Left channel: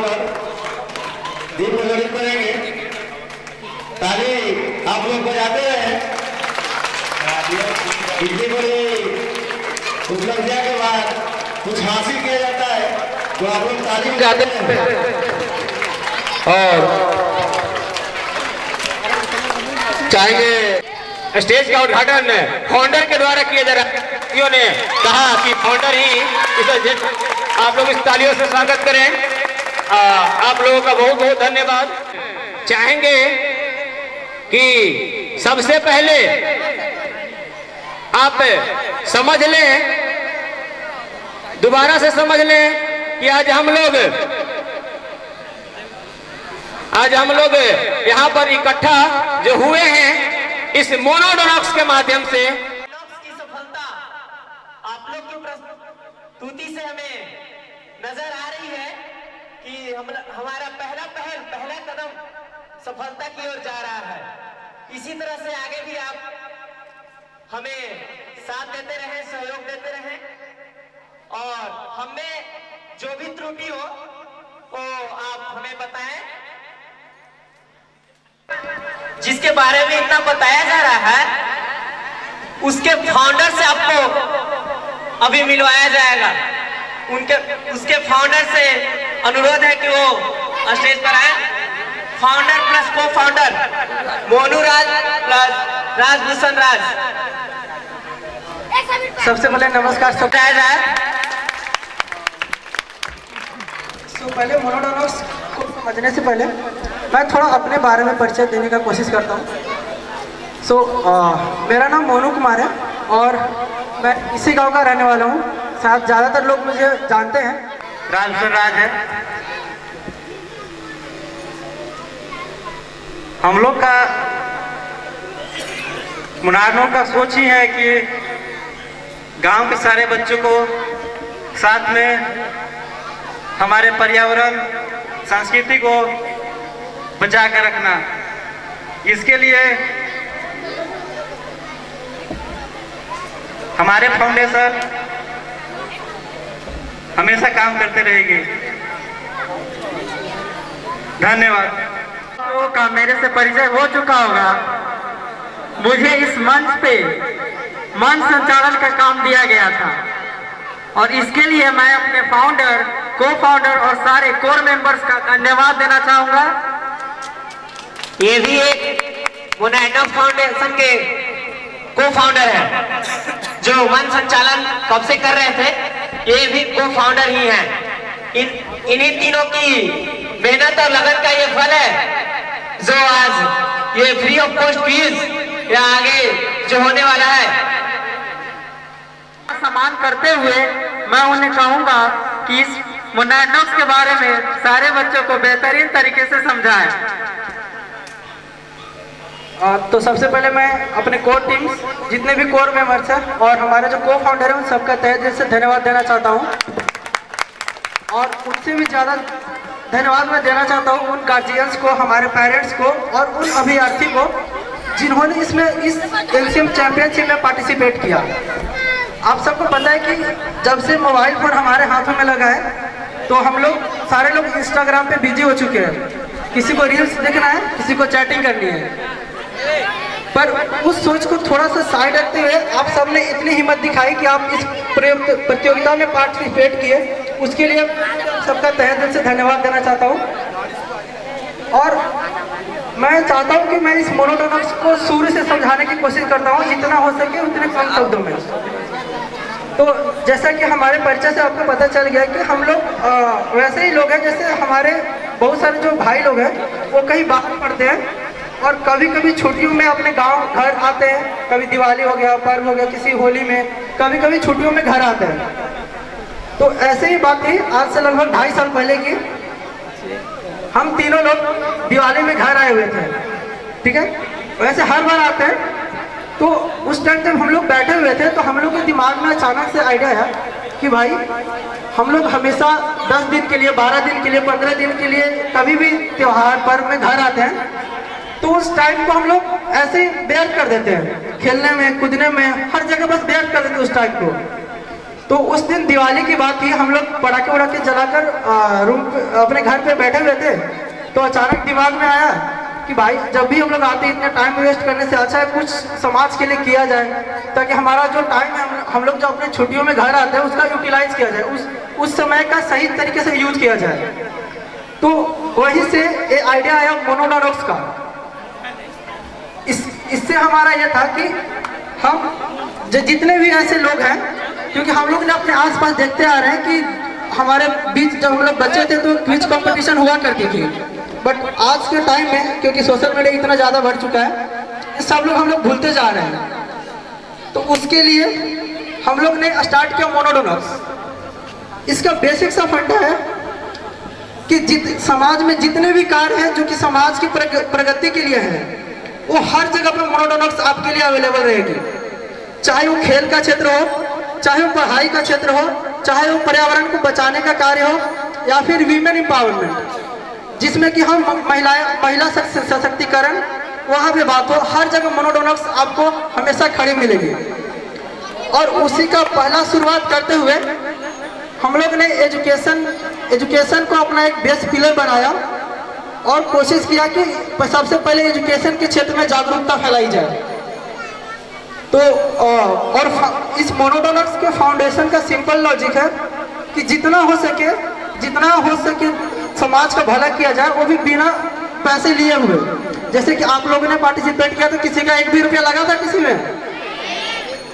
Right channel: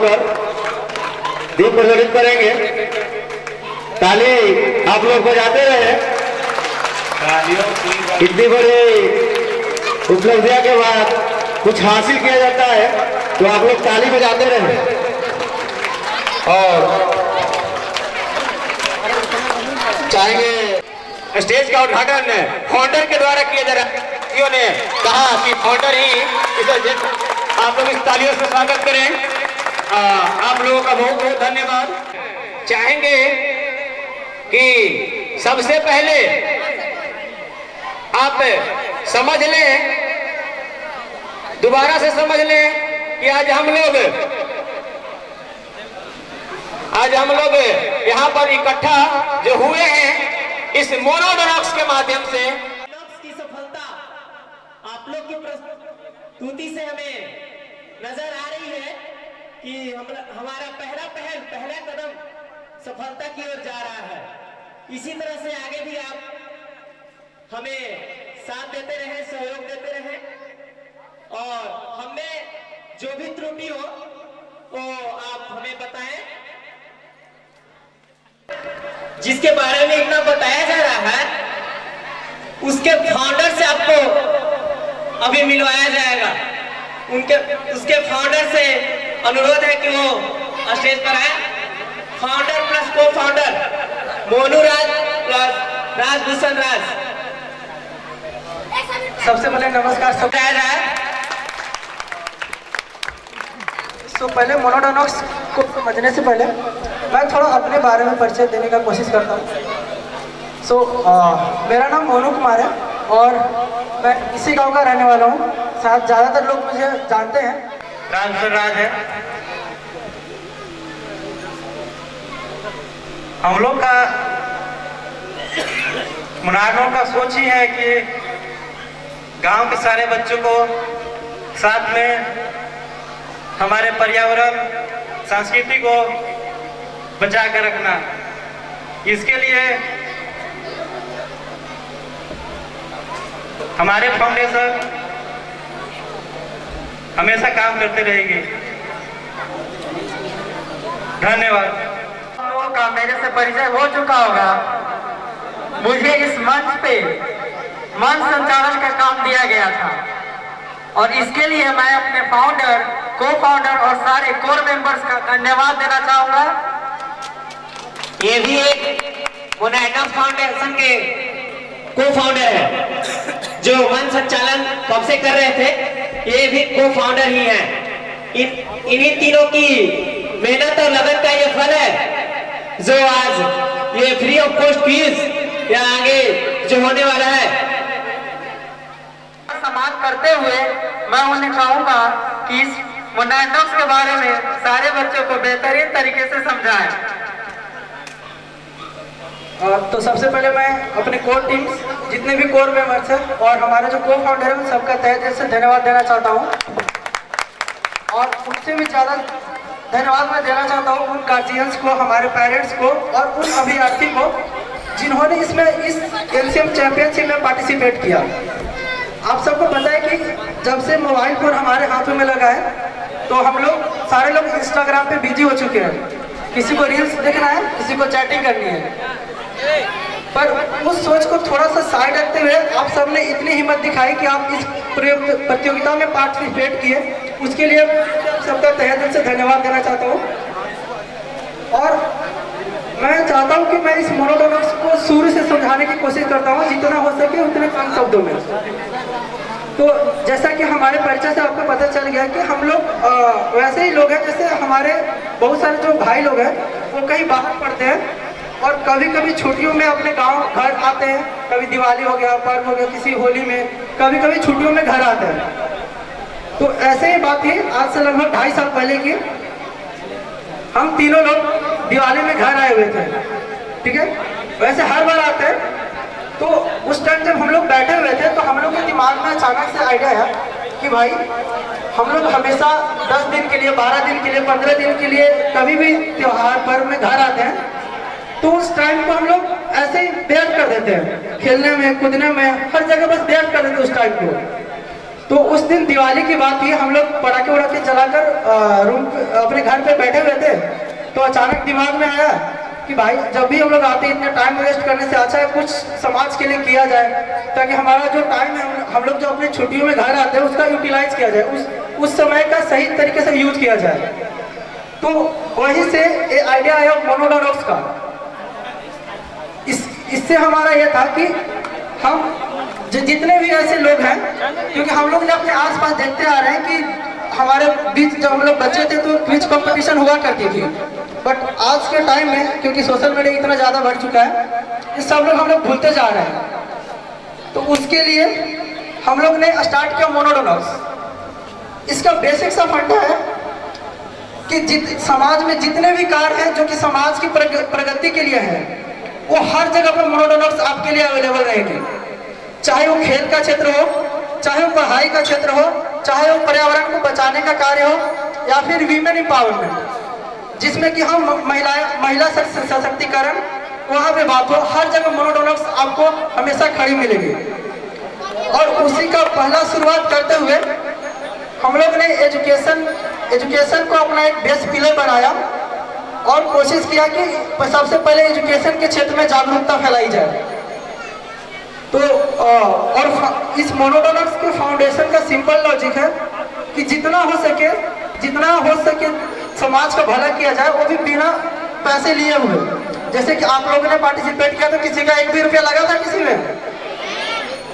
पर दीप प्रज्वलित करेंगे। ताली आप लोग बजाते रहे। इतनी बड़ी उपलब्धियां के बाद कुछ हासिल किया जाता है तो आप लोग ताली बजाते रहे। और चाहेंगे स्टेज का उद्घाटन फाउंडर के द्वारा किया जा रहा है। ने कहा कि फाउंडर ही इसे, आप लोग इस तालियों से स्वागत करें। आप लोगों का बहुत बहुत धन्यवाद। चाहेंगे कि सबसे पहले आप समझ लें, दोबारा से समझ लें कि आज हम लोग यहाँ पर इकट्ठा जो हुए हैं इस मोनोडोनॉक्स के माध्यम से। की सफलता आप लोग की प्रस्तुति से हमें नजर आ रही है कि हमारा पहला कदम सफलता की ओर जा रहा है। इसी तरह से आगे भी आप हमें साथ देते रहे, सहयोग देते रहे और हमें जो भी त्रुटि हो वो आप हमें बताएं। जिसके बारे में इतना बताया जा रहा है उसके फाउंडर से आपको अभी मिलवाया जाएगा। उसके फाउंडर से अनुरोध है कि वो स्टेज पर आए। फाउंडर प्लस को फाउंडर मोनू राज प्लस राजभूषण राज। सबसे पहले नमस्कार सब जाए। तो पहले मोनोडोनॉक्स को समझने से पहले मैं थोड़ा अपने बारे में परिचय देने का कोशिश करता हूँ। मेरा नाम मोनू कुमार है और मैं इसी गांव का रहने वाला हूँ। शायद ज़्यादातर लोग मुझे जानते हैं। राजभूषण राज है। हम लोग का मुनारों का सोच ही है कि गांव के सारे बच्चों को साथ में हमारे पर्यावरण संस्कृति को बचा कर रखना। इसके लिए हमारे फाउंडेशन हमेशा काम करते रहेगी। धन्यवाद। लोगों का मेरे से परिचय हो चुका होगा। मुझे इस मंच पे मंच संचालन का काम दिया गया था और इसके लिए मैं अपने फाउंडर, को फाउंडर और सारे कोर मेंबर्स का धन्यवाद देना चाहूंगा। ये भी एक मोनोडोनॉक्स फाउंडेशन के को फाउंडर है जो मंच संचालन कब से कर रहे थे। ये भी को फाउंडर ही हैं। इन्हीं तीनों की मेहनत और लगन का ये फल है जो आज ये फ्री ऑफ कॉस्ट क्विज या आगे जो होने वाला है। सम्मान करते हुए मैं उन्हें कहूंगा कि इस मोनोडोनॉक्स के बारे में सारे बच्चों को बेहतरीन तरीके से समझाएं। तो सबसे पहले मैं अपने कोर टीम जितने भी कोर मेंबर्स हैं और हमारे जो को फाउंडर हैं उन सबका तहे दिल से धन्यवाद देना चाहता हूं। और उनसे भी ज़्यादा धन्यवाद मैं देना चाहता हूं उन गार्जियंस को, हमारे पेरेंट्स को और उन अभ्यर्थी को जिन्होंने इस एलसीएम चैंपियनशिप में पार्टिसिपेट किया। आप सबको पता है कि जब से मोबाइल फोन हमारे हाथों में लगा है तो हम लोग सारे लोग इंस्टाग्राम पे बिजी हो चुके हैं। किसी को रील्स देखना है, किसी को चैटिंग करनी है। पर उस सोच को थोड़ा सा साइड रखते हुए आप सबने इतनी हिम्मत दिखाई कि आप इस प्रतियोगिता में पार्टिसिपेट किए। उसके लिए सबका तहे दिल से धन्यवाद देना चाहता हूँ। और मैं चाहता हूँ कि मैं इस मोनोडोनॉक्स को शुरू से समझाने की कोशिश करता हूँ जितना हो सके उतने कम शब्दों में। तो जैसा कि हमारे परिचय से आपको पता चल गया कि हम लोग वैसे ही लोग हैं जैसे हमारे बहुत सारे जो भाई लोग हैं वो कहीं बाहर पढ़ते हैं और कभी कभी छुट्टियों में अपने गांव घर आते हैं। कभी दिवाली हो गया, पर्व हो गया, किसी होली में, कभी कभी छुट्टियों में घर आते हैं। तो ऐसे ही बात थी आज से लगभग 2.5 साल पहले की। हम तीनों लोग दिवाली में घर आए हुए थे, ठीक है। वैसे हर बार आते हैं। तो उस टाइम जब हम लोग बैठे हुए थे तो हम लोग के दिमाग में अचानक से आइडिया आया कि भाई हम लोग हमेशा 10 दिन के लिए, 12 दिन के लिए, 15 दिन के लिए कभी भी त्योहार पर्व में घर आते हैं। तो उस टाइम को हम लोग ऐसे ही व्यर्थ कर देते हैं, खेलने में, कूदने में, हर जगह बस व्यर्थ कर देते हैं उस टाइम को। तो उस दिन दिवाली की बात थी, हम लोग पटाखे वटाखे जलाकर रूम अपने घर पे बैठे हुए थे। तो अचानक दिमाग में आया कि भाई जब भी हम लोग आते हैं इतना टाइम वेस्ट करने से अच्छा है कुछ समाज के लिए किया जाए, ताकि हमारा जो टाइम है हम लोग जो अपने छुट्टियों में घर आते हैं उसका यूटिलाइज किया जाए, उस समय का सही तरीके से यूज किया जाए। तो वहीं से ये आइडिया आया मोनोडोनॉक्स का। इससे हमारा यह था कि हम जितने भी ऐसे लोग हैं, क्योंकि हम लोग ने अपने आसपास देखते आ रहे हैं कि हमारे बीच जब हम लोग बच्चे थे तो क्विज कंपटीशन हुआ करती थी, बट आज के टाइम में क्योंकि सोशल मीडिया इतना ज़्यादा बढ़ चुका है, ये सब लोग हम लोग भूलते जा रहे हैं। तो उसके लिए हम लोग ने स्टार्ट किया मोनोडोनॉक्स। इसका बेसिक सा फंडा है कि समाज में जितने भी कार्य हैं जो कि समाज की प्रगति के लिए हैं, वो हर जगह पर मोनोडोनॉक्स आपके लिए अवेलेबल रहेगी। चाहे वो खेल का क्षेत्र हो, चाहे वो पढ़ाई का क्षेत्र हो, चाहे वो पर्यावरण को बचाने का कार्य हो, या फिर वीमेन एम्पावरमेंट जिसमें कि हम महिला सशक्तिकरण वहाँ पे बात हो, हर जगह मोनोडोनॉक्स आपको हमेशा खड़ी मिलेगी। और उसी का पहला शुरुआत करते हुए हम लोग ने एजुकेशन को अपना एक बेस पिलर बनाया और कोशिश किया कि सबसे पहले एजुकेशन के क्षेत्र में जागरूकता फैलाई जाए। तो और इस मोनोडोनॉक्स के फाउंडेशन का सिंपल लॉजिक है कि जितना हो सके समाज का भला किया जाए, वो भी बिना पैसे लिए हुए। जैसे कि आप लोगों ने पार्टिसिपेट किया तो किसी का 1 भी रुपया लगा था किसी में,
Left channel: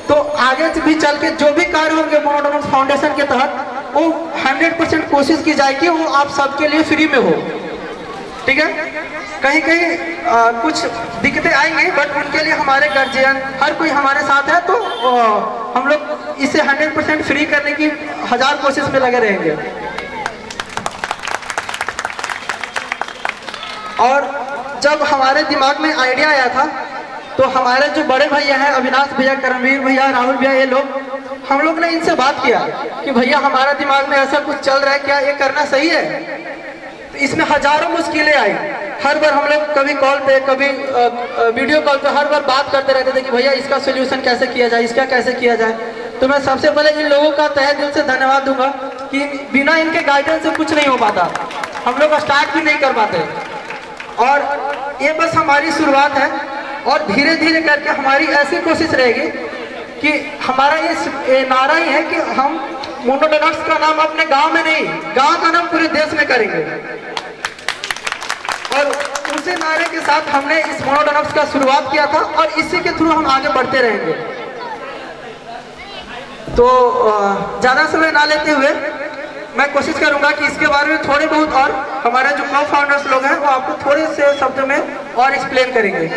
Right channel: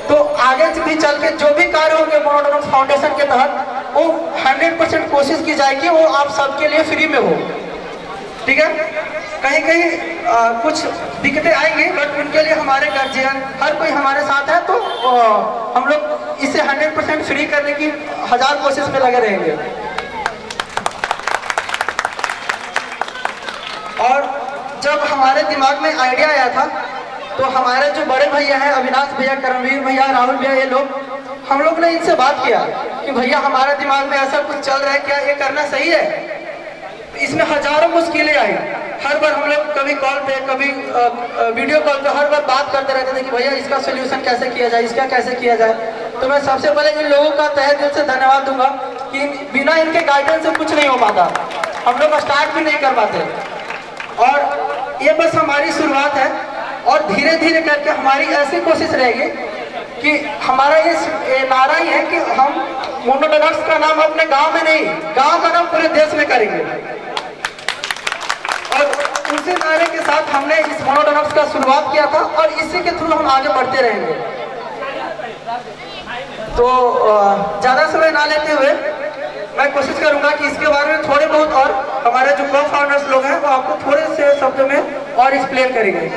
तो आगे भी चल के जो भी कार्य होंगे मोनोडोनॉक्स फाउंडेशन के तहत वो 100% कोशिश की जाएगी वो आप सबके लिए फ्री में हो। ठीक है, कहीं कुछ दिक्कतें आएंगी, बट उनके लिए हमारे गार्जियन हर कोई हमारे साथ है, तो हम लोग इसे 100% फ्री करने की 1000 कोशिश में लगे रहेंगे। और जब हमारे दिमाग में आइडिया आया था तो हमारे जो बड़े भैया हैं, अविनाश भैया, करमवीर भैया, राहुल भैया, ये लोग, हम लोग ने इनसे बात किया कि भैया हमारा दिमाग में ऐसा कुछ चल रहा है, क्या ये करना सही है? तो इसमें हजारों मुश्किलें आई। हर बार हम लोग कभी कॉल पे, कभी वीडियो कॉल पे हर बार बात करते रहते थे कि भैया इसका सोल्यूशन कैसे किया जाए, इसका कैसे किया जाए। तो मैं सबसे पहले इन लोगों का तहे दिल से धन्यवाद दूंगा कि बिना इनके गाइडेंस से कुछ नहीं हो पाता, हम लोग स्टार्ट भी नहीं कर पाते। और ये बस हमारी शुरुआत है, और धीरे धीरे करके हमारी ऐसी कोशिश रहेगी कि हमारा ये नारा ही है कि हम मोनोडोनॉक्स का नाम अपने गांव में नहीं, गांव का नाम पूरे देश में करेंगे। और उसी नारे के साथ हमने इस मोनोडोनॉक्स का शुरुआत किया था और इसी के थ्रू हम आगे बढ़ते रहेंगे। तो ज़्यादा समय ना लेते हुए मैं कोशिश करूंगा कि इसके बारे में थोड़े बहुत और हमारे जो को फाउंडर्स लोग हैं वो आपको थोड़े से शब्दों में और एक्सप्लेन करेंगे।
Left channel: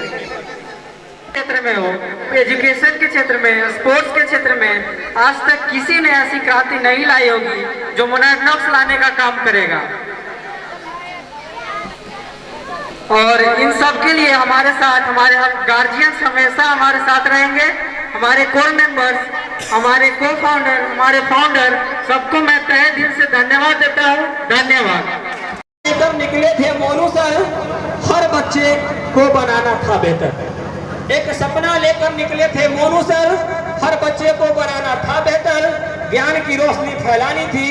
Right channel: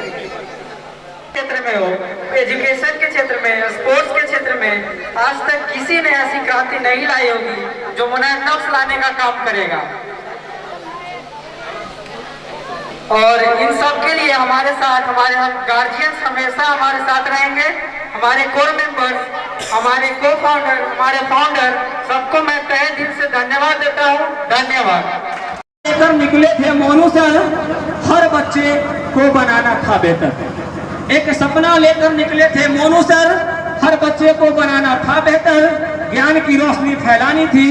क्षेत्र में हो, एजुकेशन के क्षेत्र में, स्पोर्ट्स के क्षेत्र में आज तक किसी ने ऐसी क्रांति नहीं लाई होगी जो मोनोडोनॉक्स लाने का काम करेगा। और इन सब के लिए हमारे साथ हमारे गार्जियंस हमेशा हमारे साथ रहेंगे, हमारे कोर मेंबर्स, हमारे को फाउंडर, हमारे फाउंडर, सबको मैं तहे दिल से धन्यवाद देता हूँ। धन्यवाद। लेकर निकले थे मोनू सर, हर बच्चे को बनाना था बेहतर। एक सपना लेकर निकले थे मोनू सर, हर बच्चे को बनाना था बेहतर। ज्ञान की रोशनी फैलानी थी,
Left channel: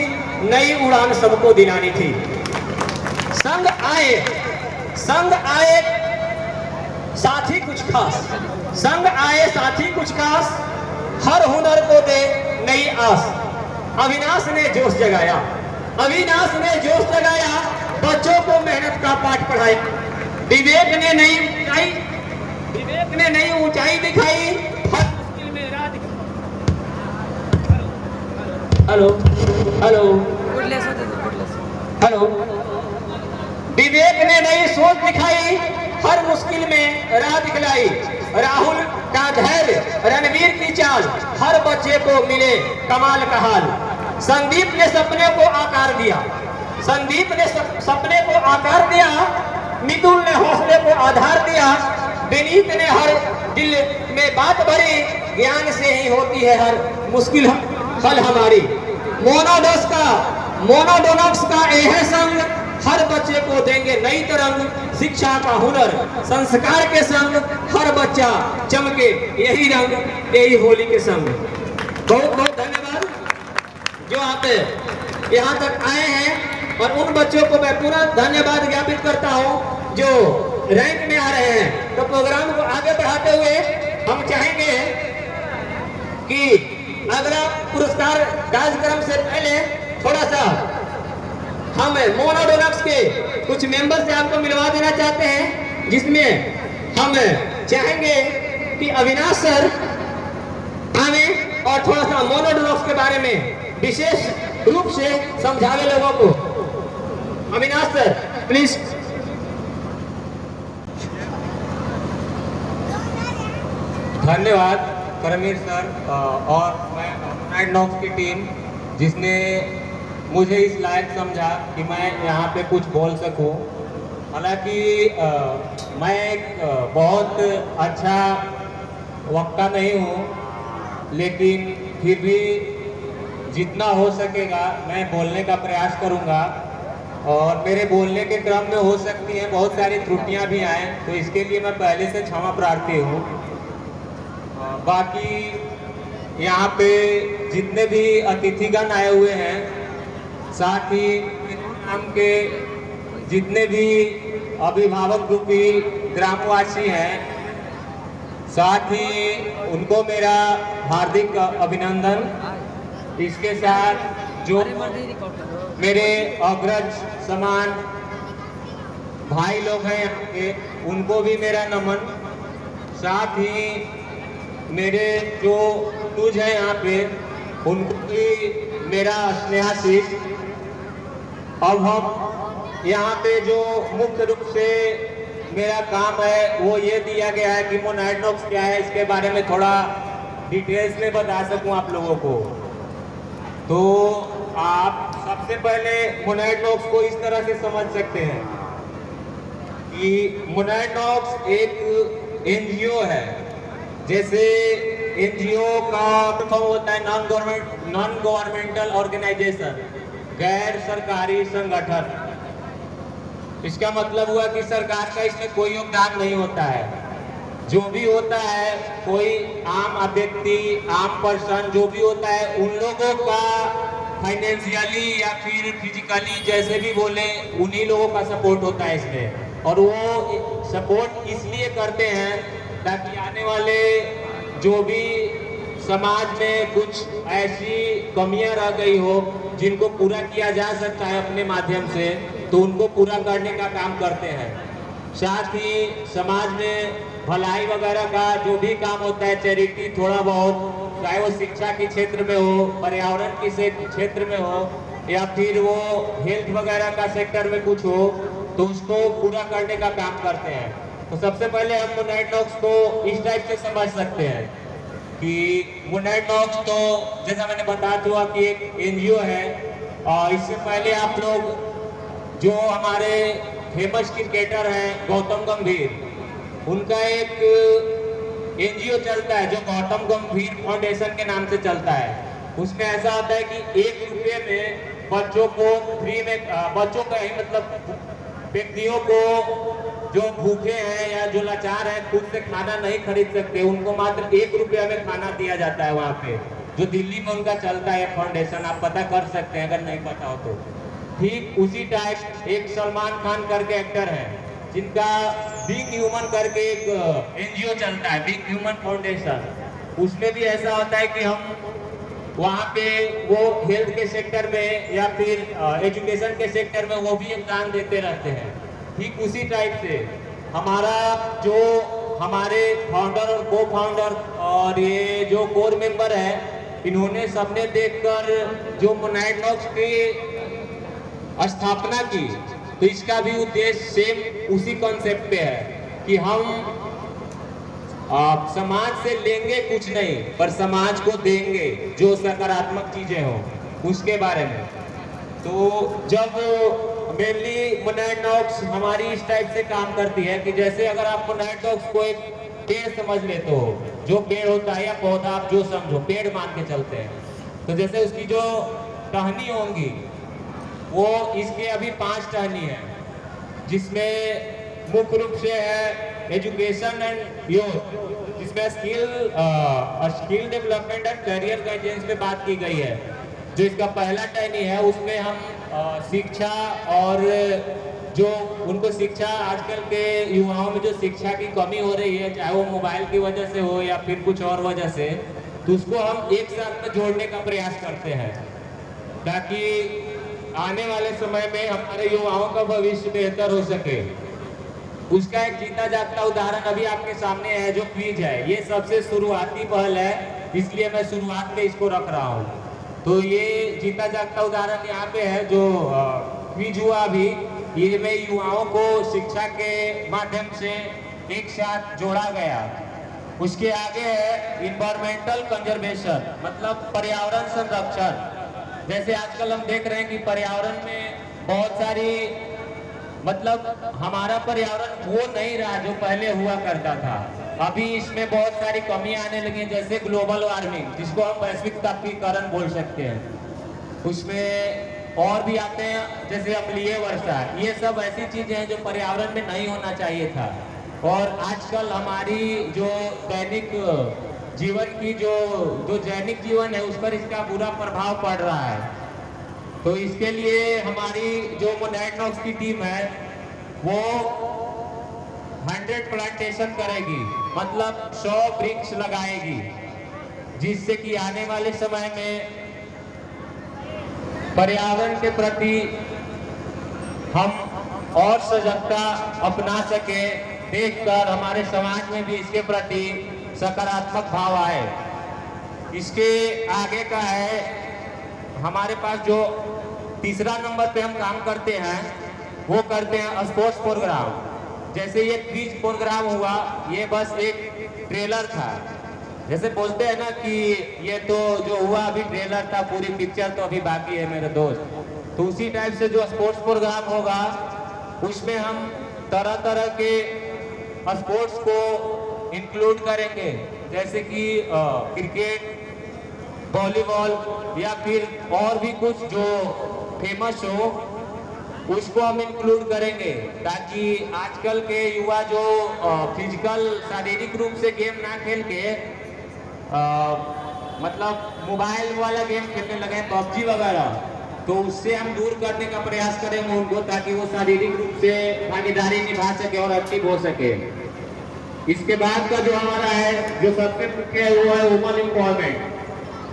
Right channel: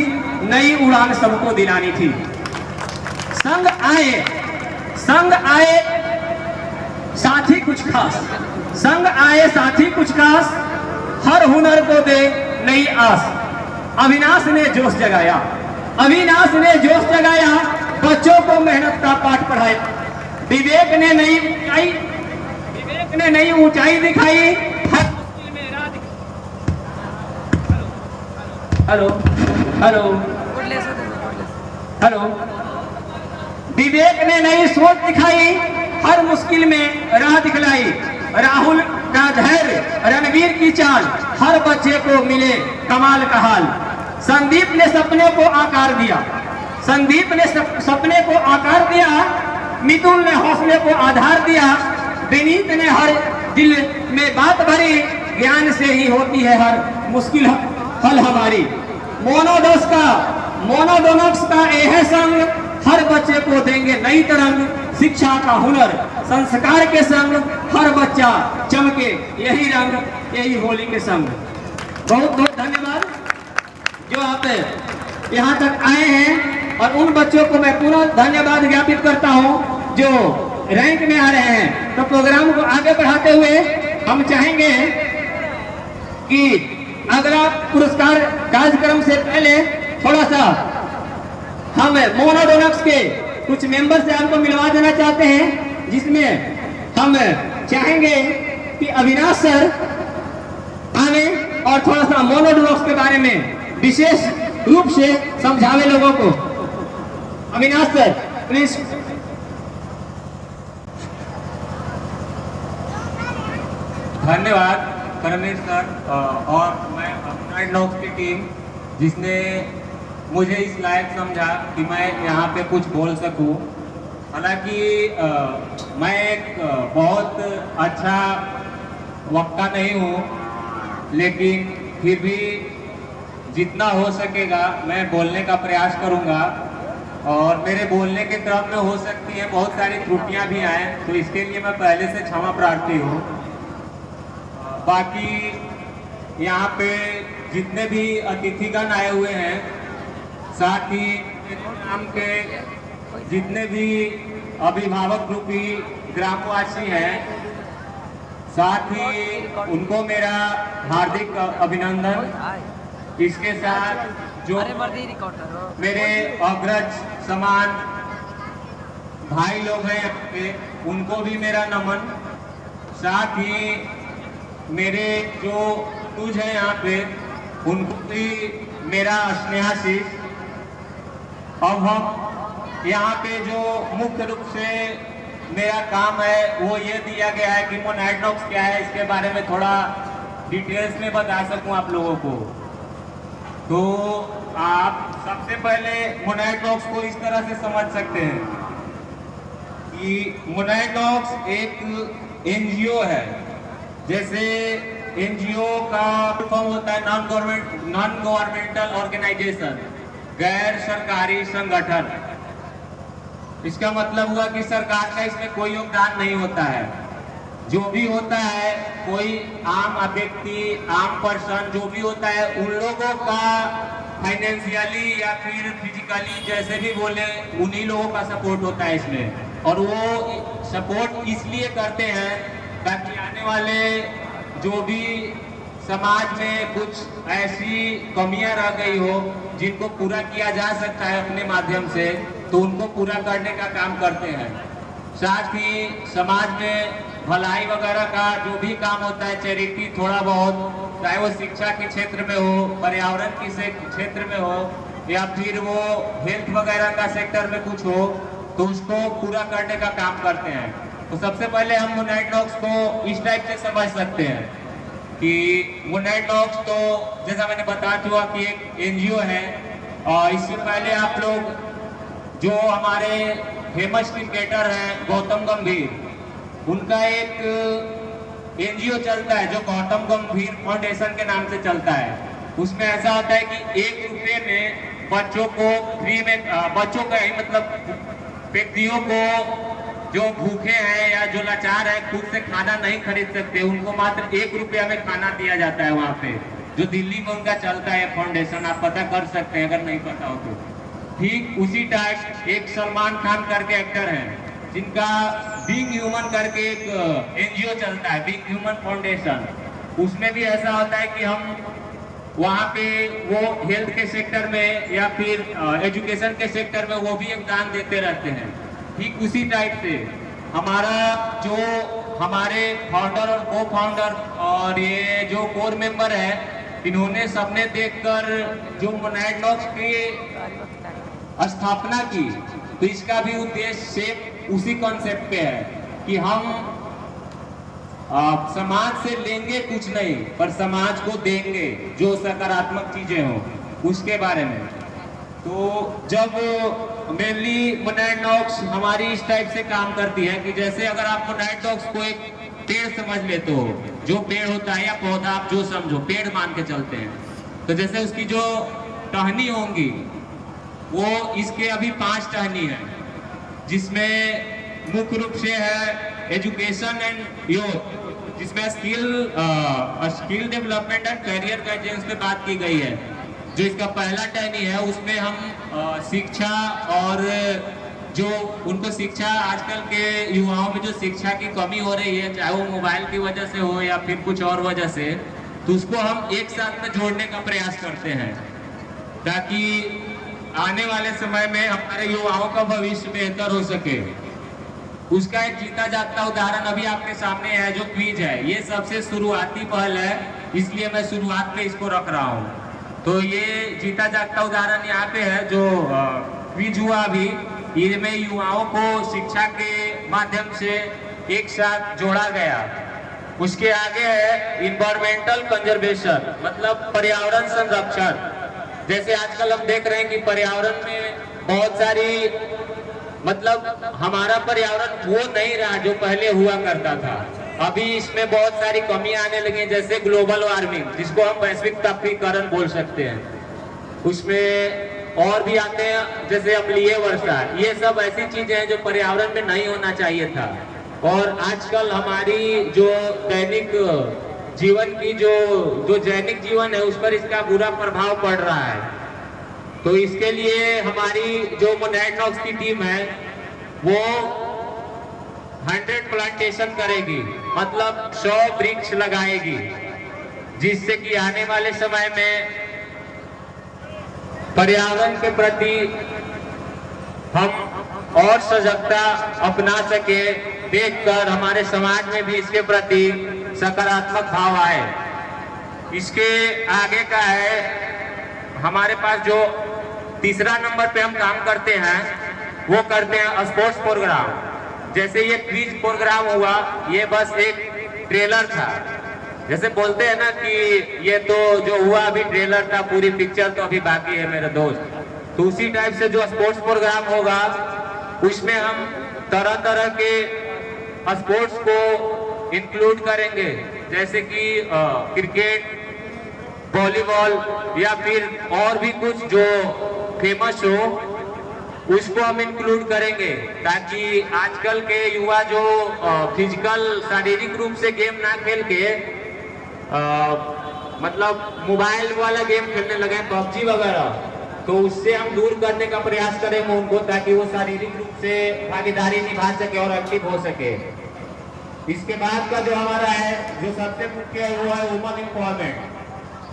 नई उड़ान सबको दिलानी थी। संग आए साथी कुछ खास, संग आए साथी कुछ खास, हर हुनर को दे नई आस। अविनाश ने जोश जगाया, अविनाश ने जोश जगाया, बच्चों को मेहनत का पाठ पढ़ाया। विवेक ने नई ऊंचाई दिखाई, हर मुश्किल में राह हेलो। विवेक ने नई सोच दिखाई, हर मुश्किल में राह दिखलाई। राहुल का धैर्य, रणवीर की चाल, हर बच्चे को मिले कमाल का हाल। संदीप ने सपने को आकार दिया, संदीप ने सपने को आकार दिया। मिथुन ने हौसले को आधार दिया। विनीत ने हर दिल में बात भरी, ज्ञान से ही होती है हर मुश्किल हल हमारी। मोनोडोनॉक्स का यह संग, हर बच्चे को देंगे नई तरंग। शिक्षा का हुनर, संस्कार के संग, हर बच्चा चमके यही रंग, यही होली के संग। बहुत बहुत धन्यवाद। जो आप यहाँ तक आए हैं, और उन बच्चों को मैं पूरा धन्यवाद ज्ञापित करता हूँ जो रैंक में आ रहे हैं। तो प्रोग्राम को आगे बढ़ाते हुए हम चाहेंगे कि अगला पुरस्कार कार्यक्रम से पहले थोड़ा सा हम मोनोडोनक्स के कुछ मेंबर से आपको मिलवा देना चाहते हैं, जिसमें हम चाहेंगे कि अविनाश सर आवे और थोड़ा सा मोनोडोनक्स के बारे में विशेष रूप से समझावे लोगों को। Avinash sir please. धन्यवाद करमीर सर और मैं मोनोडोनक्स की टीम जिसने मुझे इस लायक समझा कि मैं यहाँ पे कुछ बोल सकूं। हालांकि मैं एक बहुत अच्छा वक्ता नहीं हूँ, लेकिन फिर भी जितना हो सकेगा मैं बोलने का प्रयास करूँगा। और मेरे बोलने के क्रम में हो सकती है बहुत सारी त्रुटियाँ भी आए, तो इसके लिए मैं पहले से क्षमा प्रार्थी हूँ। बाकी यहाँ पे जितने भी अतिथिगण आए हुए हैं, साथ ही ग्राम के जितने भी अभिभावक रूपी ग्रामवासी हैं, साथ ही उनको मेरा हार्दिक अभिनंदन। इसके साथ जो मेरे अग्रज समान भाई लोग हैं उनको भी मेरा नमन। साथ ही मेरे जो अनुज है यहाँ पे उनको भी मेरा स्नेहाशीष। अब हम यहाँ पे जो मुख्य रूप से मेरा काम है वो ये दिया गया है कि मोनोडोनक्स क्या है, इसके बारे में थोड़ा डिटेल्स में बता सकूं आप लोगों को। तो आप सबसे पहले मोनोडोनक्स को इस तरह से समझ सकते हैं कि मोनोडोनक्स एक एनजीओ है। जैसे एनजीओ का फॉर्म होता है नॉन गवर्नमेंटल ऑर्गेनाइजेशन, गैर सरकारी संगठन। इसका मतलब हुआ कि सरकार का इसमें कोई योगदान नहीं होता है। जो भी होता है कोई आम व्यक्ति, आम पर्सन जो भी होता है, उन लोगों का फाइनेंशियली या फिर फिजिकली जैसे भी बोले उन्हीं लोगों का सपोर्ट होता है इसमें। और वो सपोर्ट इसलिए करते हैं ताकि आने वाले जो भी समाज में कुछ ऐसी कमियां रह गई हो जिनको पूरा किया जा सकता है अपने माध्यम से, तो उनको पूरा करने का काम करते हैं। साथ ही समाज में भलाई वगैरह का जो भी काम होता है, चैरिटी थोड़ा बहुत, चाहे वो शिक्षा के क्षेत्र में हो, पर्यावरण के क्षेत्र में हो, या फिर वो हेल्थ वगैरह का सेक्टर में कुछ हो, तो उसको पूरा करने का काम करते हैं। तो सबसे पहले हम मोनोडोनक्स को इस टाइप से समझ सकते हैं कि मोनोडोनक्स तो जैसा मैंने बता दिया कि एक एनजीओ है। और इससे पहले आप लोग जो हमारे फेमस क्रिकेटर हैं गौतम गंभीर, उनका एक एनजीओ चलता है जो गौतम गंभीर फाउंडेशन के नाम से चलता है। उसमें ऐसा होता है कि 1 रुपये में बच्चों को फ्री में, बच्चों का ही मतलब व्यक्तियों को जो भूखे हैं या जो लाचार हैं, खुद से खाना नहीं खरीद सकते, उनको मात्र 1 रुपया में खाना दिया जाता है वहाँ पे, जो दिल्ली में उनका चलता है फाउंडेशन। आप पता कर सकते हैं अगर नहीं पता हो तो। ठीक उसी टाइप एक सलमान खान करके एक्टर है जिनका बीइंग ह्यूमन करके एक एनजीओ चलता है, बीइंग ह्यूमन फाउंडेशन। उसमें भी ऐसा होता है कि हम वहाँ पे वो हेल्थ के सेक्टर में या फिर एजुकेशन के सेक्टर में वो भी योगदान देते रहते हैं। ठीक उसी टाइप से हमारा जो हमारे फाउंडर और को फाउंडर और ये जो कोर मेंबर है, इन्होंने सबने देखकर जो मोनोडोनक्स की स्थापना की, तो इसका भी उद्देश्य सेम उसी कॉन्सेप्ट पे है कि हम समाज से लेंगे कुछ नहीं, पर समाज को देंगे जो सकारात्मक चीजें हों उसके बारे में। तो जब मेनली मोनोडोनक्स हमारी इस टाइप से काम करती है कि जैसे अगर आप मोनोडोनक्स को एक पेड़ समझ ले, तो जो पेड़ होता है या पौधा आप जो समझो पेड़ मान के चलते हैं, तो जैसे उसकी जो टहनी होंगी वो इसके अभी 5 टहनी है, जिसमें मुख्य रूप से है एजुकेशन एंड यूथ, जिसमें skill development and career guidance पे बात की गई है। जो इसका पहला टहनी है उसमें हम शिक्षा और जो उनको शिक्षा, आजकल के युवाओं में जो शिक्षा की कमी हो रही है, चाहे वो मोबाइल की वजह से हो या फिर कुछ और वजह से, तो उसको हम एक साथ में जोड़ने का प्रयास करते हैं ताकि आने वाले समय में हमारे युवाओं का भविष्य बेहतर हो सके। उसका एक जीता जागता उदाहरण अभी आपके सामने है, जो क्विज है। ये सबसे शुरुआती पहल है, इसलिए मैं शुरुआत में इसको रख रहा हूँ। तो ये जीता जागता उदाहरण यहाँ पे है जो क्विज हुआ अभी, इनमें युवाओं को शिक्षा के माध्यम से एक साथ जोड़ा गया। उसके आगे है इन्वायरमेंटल कंजर्वेशन, मतलब पर्यावरण संरक्षण। जैसे आजकल हम देख रहे हैं कि पर्यावरण में बहुत सारी, मतलब हमारा पर्यावरण वो नहीं रहा जो पहले हुआ करता था। अभी इसमें बहुत सारी कमियां आने लगी हैं, जैसे ग्लोबल वार्मिंग, जिसको हम वैश्विक तापीकरण बोल सकते हैं। उसमें और भी आते हैं जैसे अम्लीय वर्षा। ये सब ऐसी चीजें हैं जो पर्यावरण में नहीं होना चाहिए था। और आजकल हमारी जो दैनिक जीवन की जो दैनिक जीवन है उस पर इसका बुरा प्रभाव पड़ रहा है। तो इसके लिए हमारी जो मोनाइट हॉक्स की टीम है वो 100 प्लांटेशन करेगी, मतलब 100 वृक्ष लगाएगी, जिससे कि आने वाले समय में पर्यावरण के प्रति हम और सजगता अपना सके, देखकर हमारे समाज में भी इसके प्रति सकारात्मक भाव आए। इसके आगे का है हमारे पास जो तीसरा नंबर पे हम काम करते हैं वो करते हैं स्पोर्ट्स प्रोग्राम। जैसे ये क्विज प्रोग्राम हुआ, ये बस एक ट्रेलर था। जैसे बोलते हैं ना कि ये तो जो हुआ अभी ट्रेलर था, पूरी पिक्चर तो अभी बाकी है मेरे दोस्त। तो उसी टाइप से जो स्पोर्ट्स प्रोग्राम होगा उसमें हम तरह तरह के स्पोर्ट्स को इंक्लूड करेंगे, जैसे कि क्रिकेट, वॉलीबॉल या फिर और भी कुछ जो फेमस हो उसको हम इंक्लूड करेंगे, ताकि आजकल के युवा जो फिजिकल शारीरिक रूप से गेम ना खेल के मतलब मोबाइल वाला गेम खेलने लगे, पबजी वगैरह, तो उससे हम दूर करने का प्रयास करेंगे उनको, ताकि वो शारीरिक रूप से भागीदारी निभा सके और एक्टिव हो सके। इसके बाद का जो हमारा है, जो सबसे मुख्य है, वो है वुमन एम्पावरमेंट,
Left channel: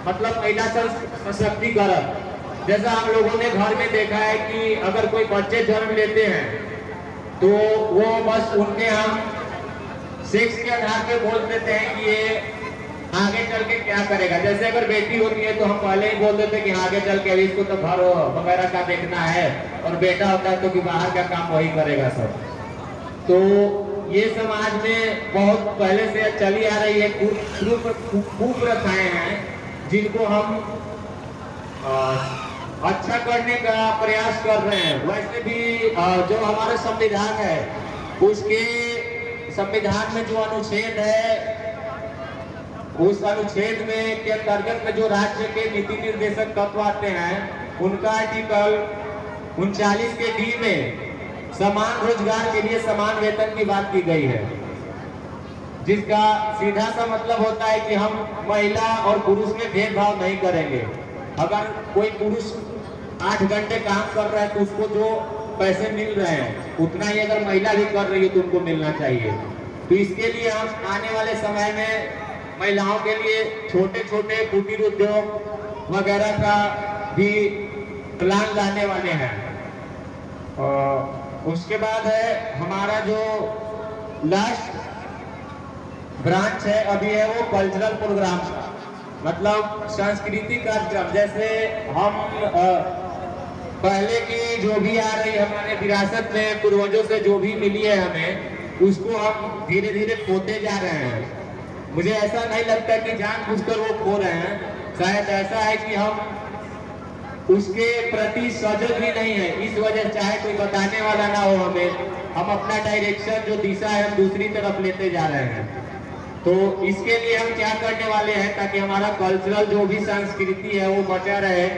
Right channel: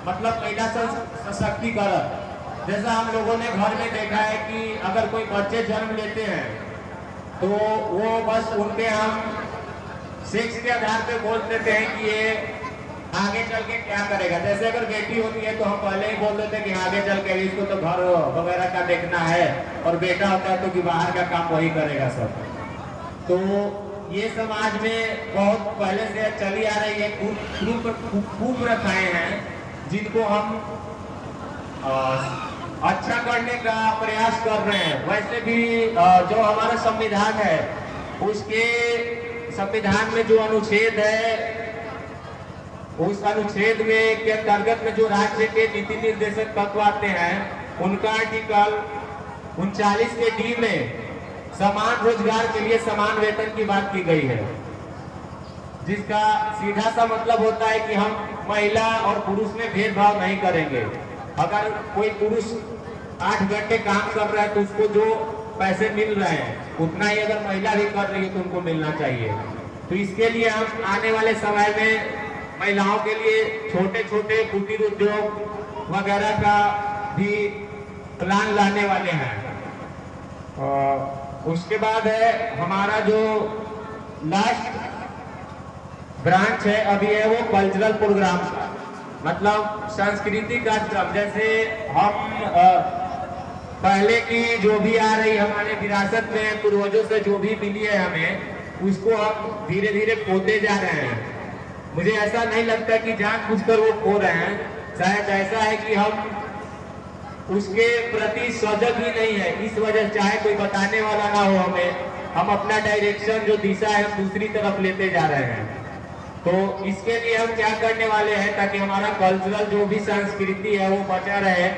मतलब महिला सशक्तिकरण। जैसा हम लोगों ने घर में देखा है कि अगर कोई बच्चे जन्म लेते हैं तो वो बस उनके हम सेक्स के आधार पे बोल देते हैं कि ये आगे चल के क्या करेगा। जैसे अगर बेटी होती है तो हम पहले ही बोल देते कि आगे चल के अभी इसको तो घर वगैरह का देखना है, और बेटा होता है तो कि बाहर का काम वही करेगा सब। तो ये समाज में बहुत पहले से चली आ रही है कुप्रथाएं हैं, जिनको हम अच्छा करने का प्रयास कर रहे हैं। वैसे भी जो हमारा संविधान है, उसके संविधान में जो अनुच्छेद है, उस अनुच्छेद में के अंतर्गत में जो राज्य के नीति निर्देशक तत्व आते हैं, उनका आर्टिकल 39 के डी में समान रोजगार के लिए समान वेतन की बात की गई है, जिसका सीधा सा मतलब होता है कि हम महिला और पुरुष में भेदभाव नहीं करेंगे। अगर कोई पुरुष 8 घंटे काम कर रहा है तो उसको जो पैसे मिल रहे हैं उतना ही अगर महिला भी कर रही है तो उनको मिलना चाहिए। तो इसके लिए हम आने वाले समय में महिलाओं के लिए छोटे छोटे कुटीर उद्योग वगैरह का भी प्लान लाने वाले हैं। उसके बाद है हमारा जो लास्ट ब्रांच है अभी है वो कल्चरल प्रोग्राम, मतलब सांस्कृतिक कार्यक्रम। जैसे हम पहले की जो भी आ रही हमारे विरासत में पूर्वजों से जो भी मिली है हमें, उसको हम धीरे धीरे खोते जा रहे हैं। मुझे ऐसा नहीं लगता कि जानबूझकर वो खो रहे हैं, शायद ऐसा है कि हम उसके प्रति सजग भी नहीं है। इस वजह से चाहे कोई बताने वाला ना हो हमें, हम अपना डायरेक्शन जो दिशा है हम दूसरी तरफ लेते जा रहे हैं। तो इसके लिए हम क्या करने वाले हैं, ताकि हमारा कल्चरल जो भी संस्कृति है वो बचा रहे,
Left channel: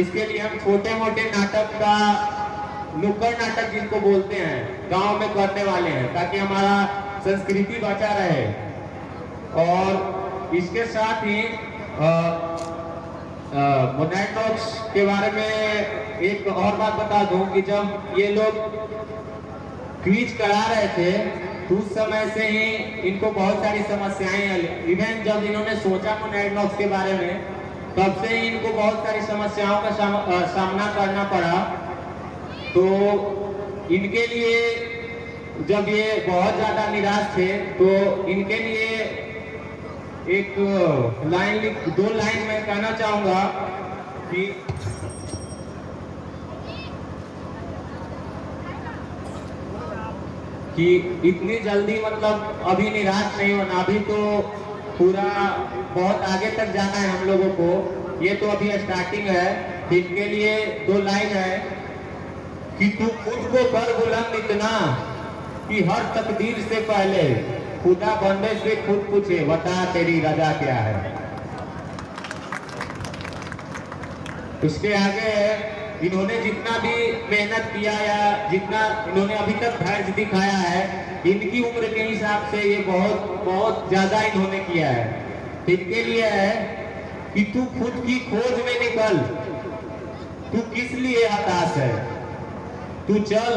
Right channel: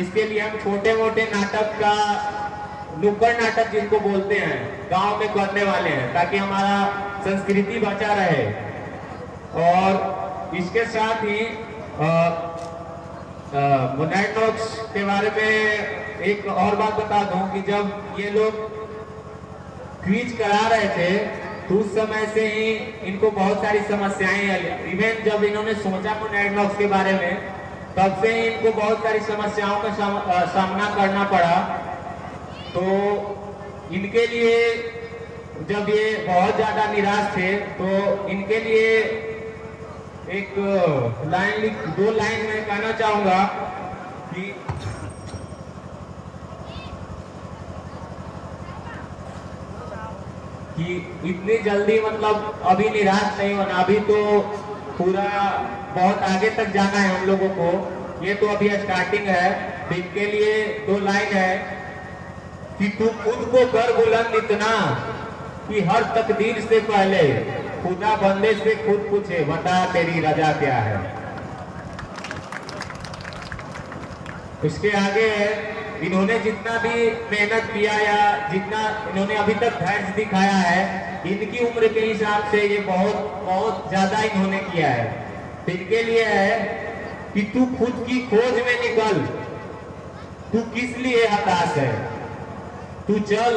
इसके लिए हम छोटे मोटे नाटक का, नुक्कड़ नाटक जिनको बोलते हैं, गांव में करने वाले हैं, ताकि हमारा संस्कृति बचा रहे। और इसके साथ ही मोनाइट के बारे में एक और बात बता दूं कि जब ये लोग क्विज करा रहे थे तो उस समय से ही इनको बहुत सारी समस्याएं आई। इवन जब इन्होंने सोचा मोनाइट के बारे में तब से ही इनको बहुत सारी समस्याओं का सामना करना पड़ा। तो इनके लिए जब ये बहुत ज्यादा निराश थे तो इनके लिए एक दो लाइन मैं कहना चाहूंगा कि इतनी जल्दी मतलब अभी निराश नहीं होना। अभी तो पूरा बहुत आगे तक जाना है हम लोगों को। ये तो अभी स्टार्टिंग है। तो इनके लिए दो लाइन है कि तू खुद को कर बुलंद इतना कि हर तकदीर से पहले खुदा बंदे से खुद पूछे बता तेरी रजा क्या है। उसके आगे इन्होंने जितना भी मेहनत किया या जितना इन्होंने अभी तक धैर्य दिखाया है इनकी उम्र के हिसाब से ये बहुत ज्यादा इन्होंने किया है। तो इनके लिए है कि तू खुद की खोज में निकल, तू किस लिए हताश है, तू चल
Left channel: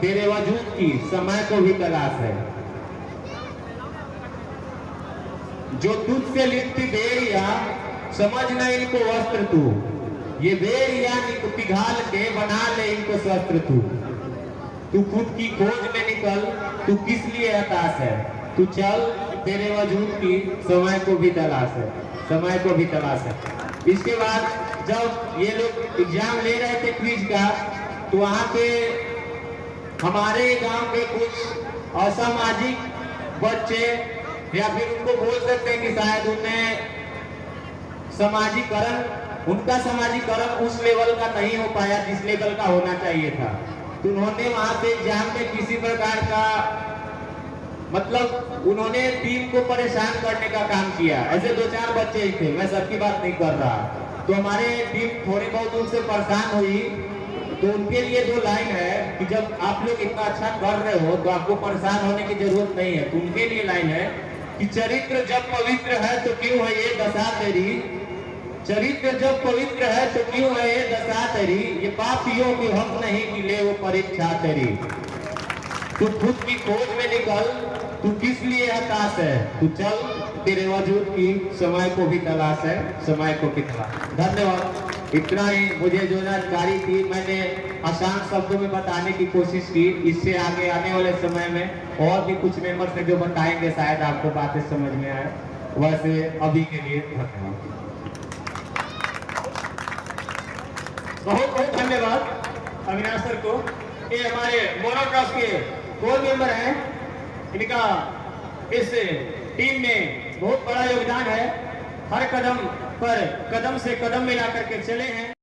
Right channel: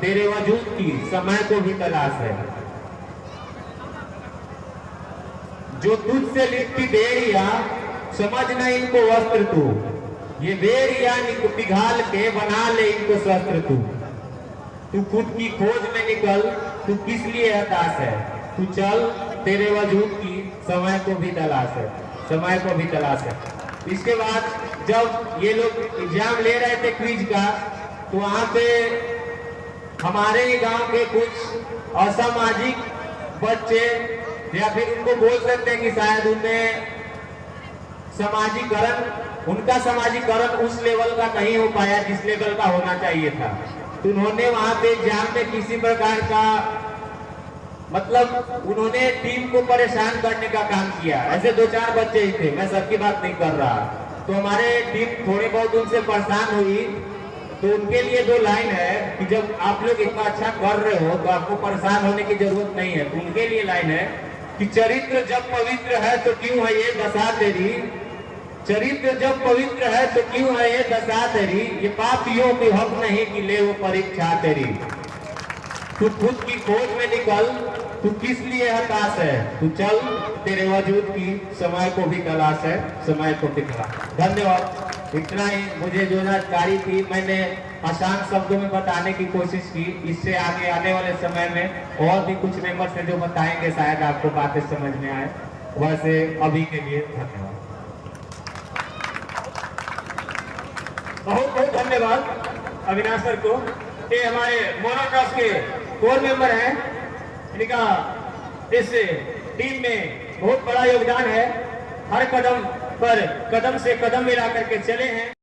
तेरे वजूद की समय को भी तलाश है। जो तुझसे लिखती देरिया समझ न इनको वस्त्र तू, ये बेरिया पिघाल के बना ले इनको शस्त्र तू। तू खुद की खोज में निकल, तू किस लिए हताश है, तू चल तेरे वजूद की समय को भी तलाश है, समय को भी तलाश है। इसके बाद जब ये लोग एग्जाम ले रहे थे क्विज का तो वहां पे हमारे गांव के कुछ असामाजिक बच्चे या फिर उनको बोल सकते हैं कि शायद उनमें उनका समाजीकरण उस लेवल का नहीं हो पाया जिस लेवल का होना चाहिए था। तो उन्होंने वहां पे एग्जाम में किसी प्रकार का मतलब उन्होंने टीम को परेशान करने का काम किया। ऐसे 2-4 बच्चे ही थे, मैं सबकी बात नहीं कर रहा। तो हमारे टीम थोड़ी बहुत उनसे परेशान हुई। तो उनके लिए दो लाइन है कि जब आप लोग इतना अच्छा कर रहे हो तो आपको परेशान होने की जरूरत नहीं है। तो उनके लिए लाइन है कि चरित्र जब पवित्र है तो क्यों है ये दशा तेरी, चरित्र जब पवित्र है तो क्यों है ये दशा तेरी, ये पापियों के हक नहीं कि ले वो परीक्षा तेरी। तू खुद की खोज में निकल, तू किस लिए हताश है, तू चल तेरे वजूद की समय को भी तलाश है, समय को भी तलाश। धन्यवाद। इतना ही मुझे जो जानकारी थी मैंने आसान शब्दों में बताने की कोशिश की। इससे आगे आने वाले समय में और भी कुछ मेंबर्स हैं जो बताएंगे, शायद आपको बातें समझ में आए। वैसे अभी के लिए धन्यवाद। बहुत बहुत धन्यवाद अविनाश सर को। ये हमारे मोनोक्रॉस के कोर मेंबर हैं। इनका इस टीम में बहुत बड़ा योगदान है। हर कदम पर कदम से कदम मिला करके चले हैं।